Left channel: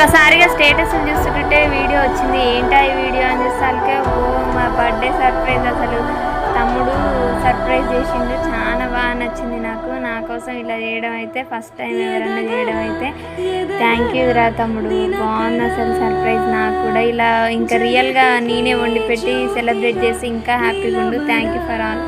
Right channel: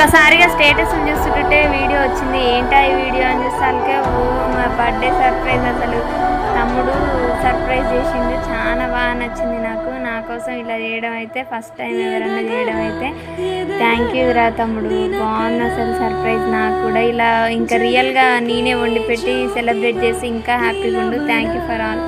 ఒక్కసారిగా స్టేటస్ చూస్తుంటే వీడియో వచ్చింది. ఏంటా ఈ వీడియో అని చూస్తే ఓ మా బర్త్డే సర్ప్రైజ్, అసలు తమ్ముడు సర్ప్రైజ్ చేసిండు. చాలా బాగా నచ్చింది నాకు. నా కోసం ఇలా చేయడం అయితే ఫస్ట్ టైం ఎవరన్నా చేయడం అయితే. థ్యాంక్ యూ రా తమ్ముడు, బాగుంది అసలు సర్ప్రైజ్. నాకు కూడా ఇలా ఇంకా రియల్గా నేనే వండి పెట్టి సెలబ్రేట్ చేసి ఇంకా హ్యాపీగా ఉండు. Thank you for all.